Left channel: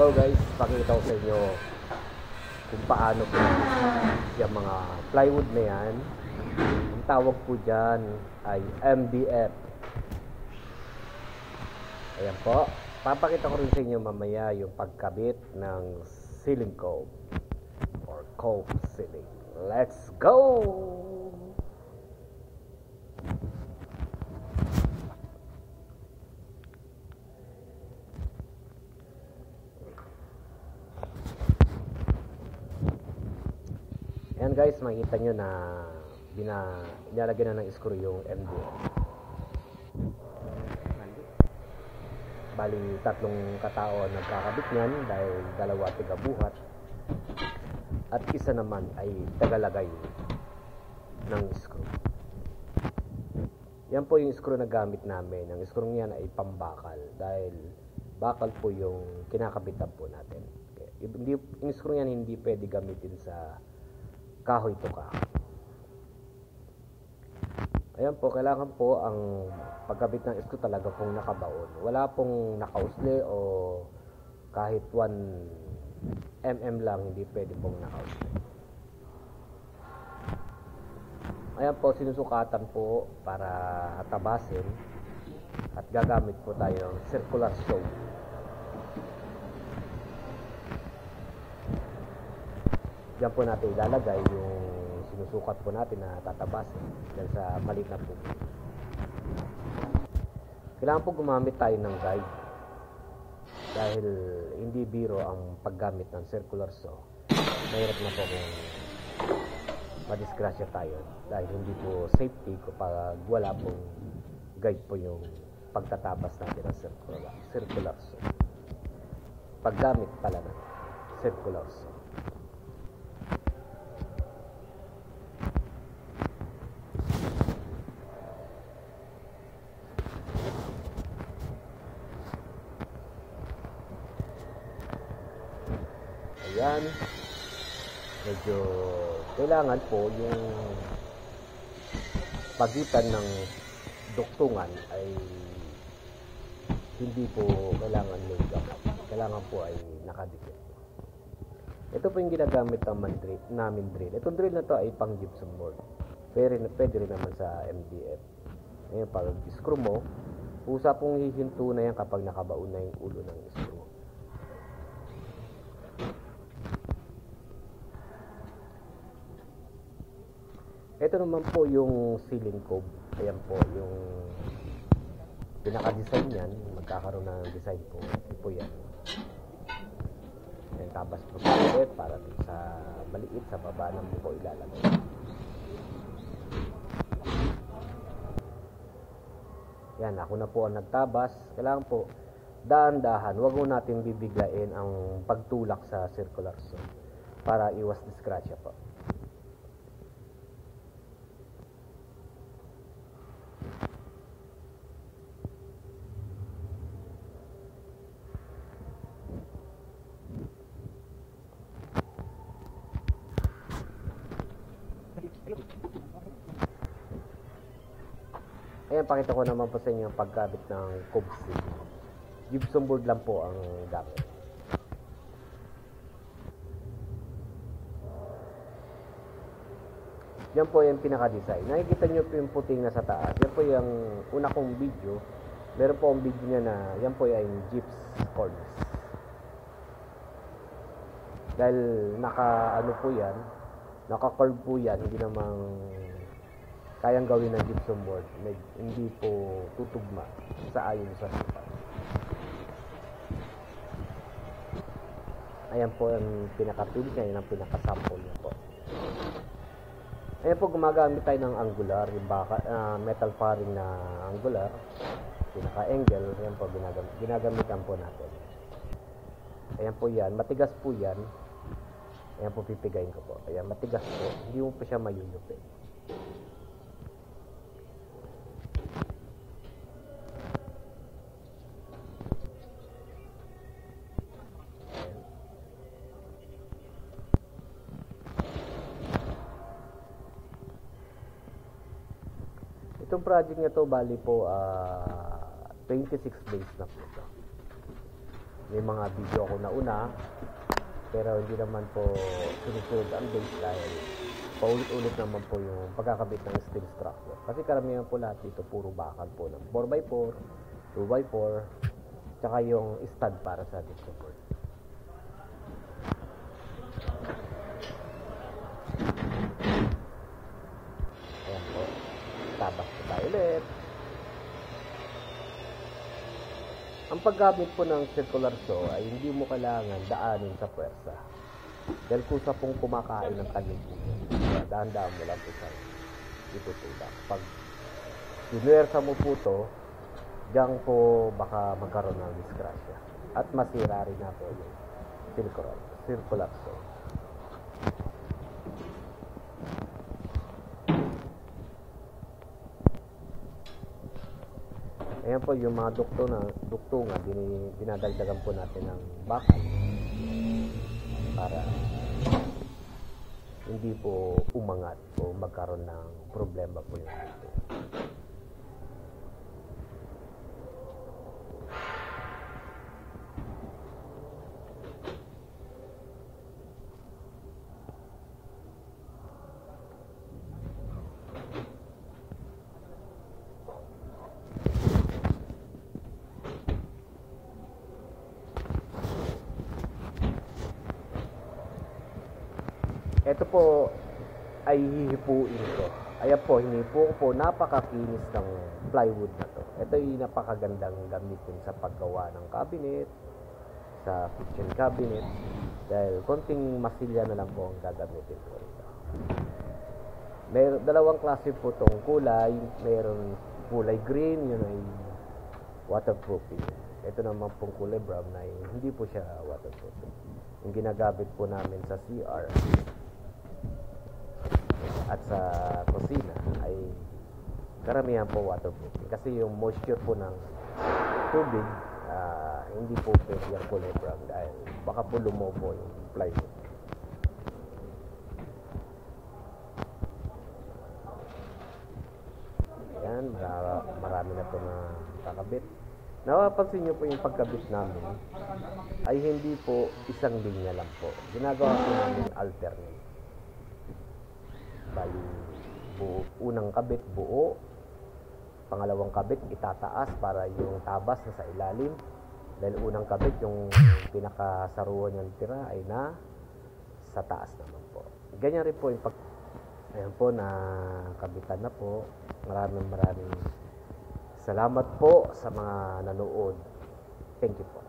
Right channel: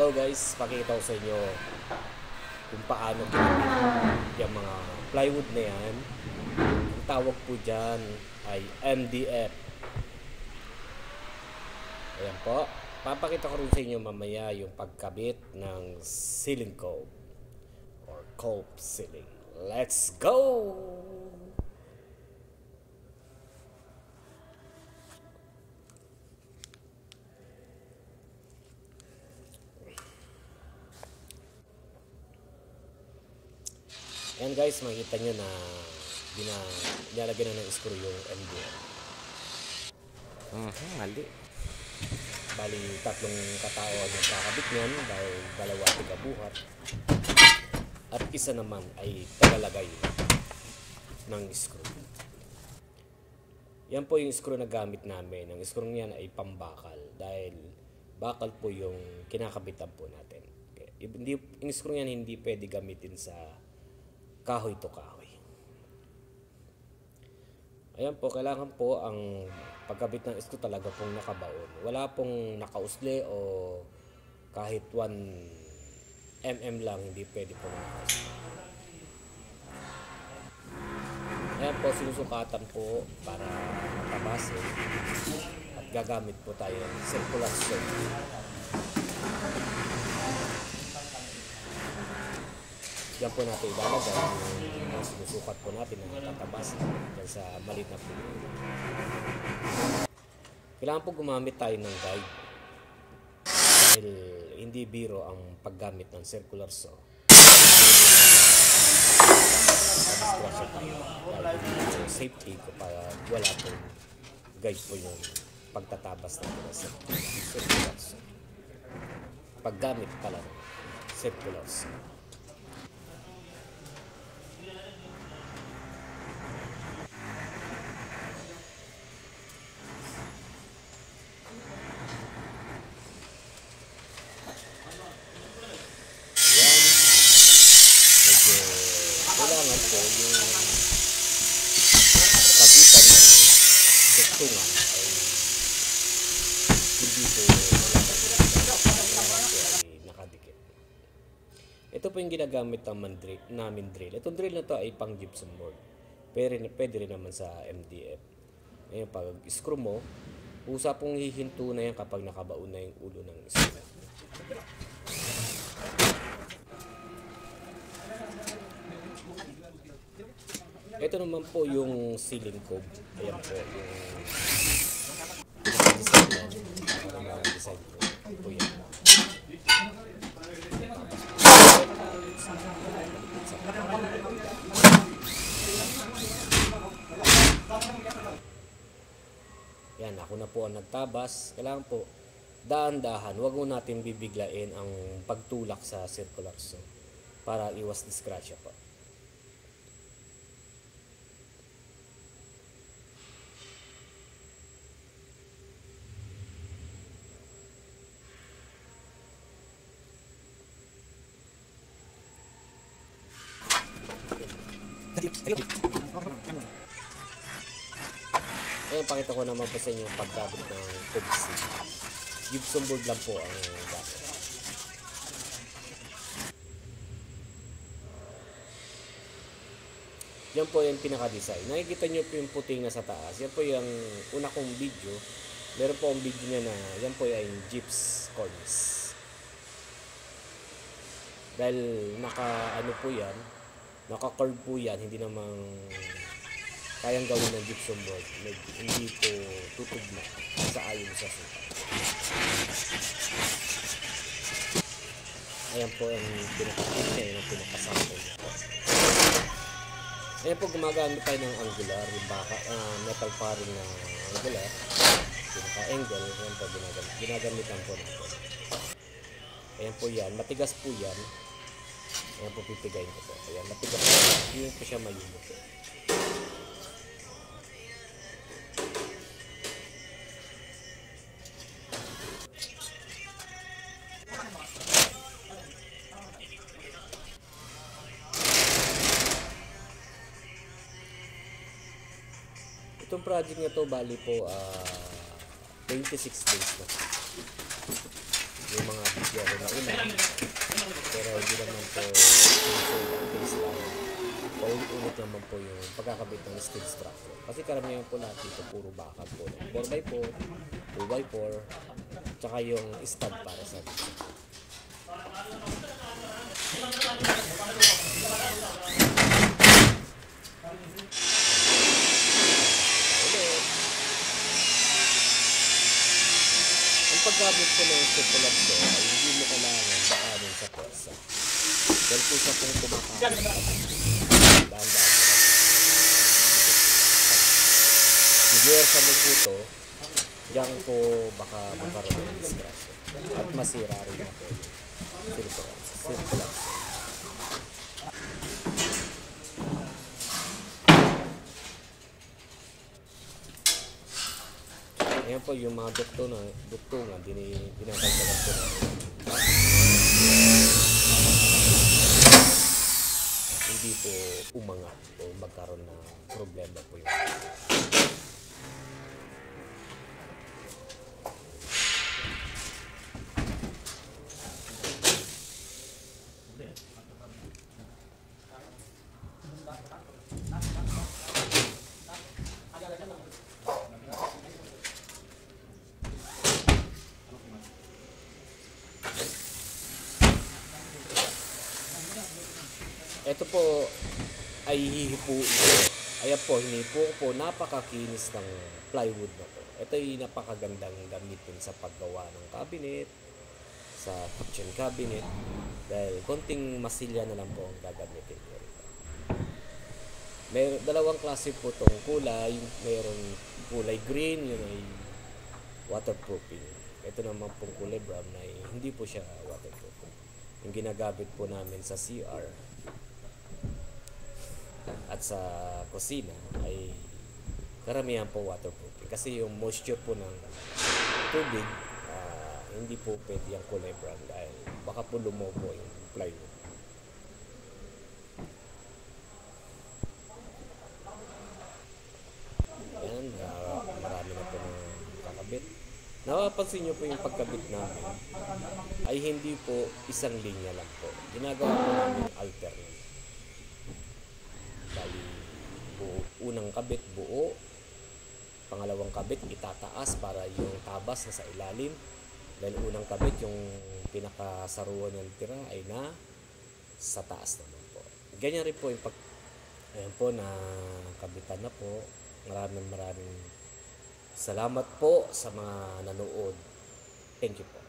Hello guys, pakita ko sa inyo kung paano yung mga plywood na yan. Tawag po dyan ay MDF. Ayan po. Papakita ko rin sa inyo mamaya yung pagkabit ng ceiling cope or cope ceiling. Let's go! Yan guys, makikita nyo na dinalagyan na ng screw yung MDF. Mali. Bali, tatlong katao ang nagkakabit niyan dahil dalawa tigabuhat. At isa naman ay tagalagay ng screw. Yan po yung screw na gamit namin. Ang screw niyan ay pambakal dahil bakal po yung kinakabitan po natin. Okay. Yung screw niyan hindi pwede gamitin sa kahoy to kahoy. Ayan po, kailangan po ang pagkabit ng screw talaga pong nakabaon. Wala pong nakausli o kahit 1 mm lang, hindi pwede pong nakausli. Ayan po, sinusukatan po para matabasin at gagamit po tayo ng circular saw. Yan po natin ilalagay yung sinusukat po natin na tatabasin dyan sa maliit na po. Kailangan po gumamit tayo ng guide dahil hindi biro ang paggamit ng circular saw. Nadisgrasya tayo dahil hindi po safety kapag wala po guide po yung pagtatabas natin ng circular saw. Paggamit pala ng circular saw. Kailangan po yung pagitan ng duktungan ay hindi po kailangan po ay nakadikit. Ito po yung ginagamit namin drill. Itong drill na to ay pang gypsum board. Pwede rin naman sa MDF. Ngayon, pag screw mo, usa pong hihinto na yan kapag nakabaon na yung ulo ng screw. Ito naman po yung ceiling cope. Ayan po yung pinaka-design yan. Pinaka ng design po. Ito po yan. Tapos po sa balikin sa baba. Yan, ako na po ang nagtabas. Kailangan po dahan-dahan. Huwag mo natin bibiglain ang pagtulak sa circular saw para iwas disgrasya po. Ayan, pakita ko naman po sa inyo ang pagkabit ng cope ceiling. Gypsum board lang po ang gamit. Yan po yung pinaka-design. Nakikita nyo po yung puting na sa taas. Yan po yung una kong video. Meron po ang video niya na yan po yung gyps cornice. Dahil naka-ano po yan, naka-curve po yan, hindi namang kayang gawin ng gypsum board. Hindi po tutugma sa ayon sa sukat. Ayan po yung pinaka-tip niya, yun ang pinaka-sample niya po. Ayan po, gumagamit tayo ng angular, metal paring na angular, pinaka-angle, ayan po, ginagamitan po natin. Ayan po yan, matigas po yan. Ayan po, pipigayin ko po. Ayan, matigas po, hindi mo po siya malulutin. Itong project na to bali po 26 days na. May mga video ako nauna, pero hindi naman po sinusunod ang base dahil paulit-ulit naman po yung pagkakabit ng steel structure. Kasi karamihan po lahat dito puro bakal po ng 4x4, 2x4, tsaka yung stud para sa dito. Ang pagkabit po ng circular saw ay hindi mo kailangan daanin sa pwersa. Dahil po sa pong kumakain ng tanim, dahan-dahan mo lang. Pag sinuwersa mo po ito, diyan po baka magkaroon ng disgrasya. At masira rin natin yung circular saw. Ayan po yung mga duktungan, dinadagdagan po natin ng box. Hindi po umangat o magkaroon ng problema po yun. Ito po ay hihipuin ko. Ayan po, hinipo ko po. Napakakinis ng plywood na to. Ito ay napakagandang gamitin sa paggawa ng cabinet, sa kitchen cabinet. Dahil konting masilya na lang po ang gagamitin ko ito. Dalawang klase po itong kulay. Mayroong kulay green, yun ay waterproofing. Ito naman pong kulay brown ay hindi po siya waterproofing. Yung ginagamit po namin sa CR at sa kusina ay karamihan po waterproofing kasi yung moisture po ng tubig hindi po pwede yung kulay brown dahil baka po lumobo yung plywood. Yan, marami na po na kakabit. Napapansin nyo po yung pagkabit namin ay hindi po isang linya lang po. Ginagawa po namin alternate. Unang kabit buo, pangalawang kabit itataas para yung tabas na sa ilalim, then unang kabit yung pinakasaruan ng tira ay na sa taas naman po. Ganyan rin po yung ayan po, na kabitan na po. Maraming salamat po sa mga nanood. Thank you po.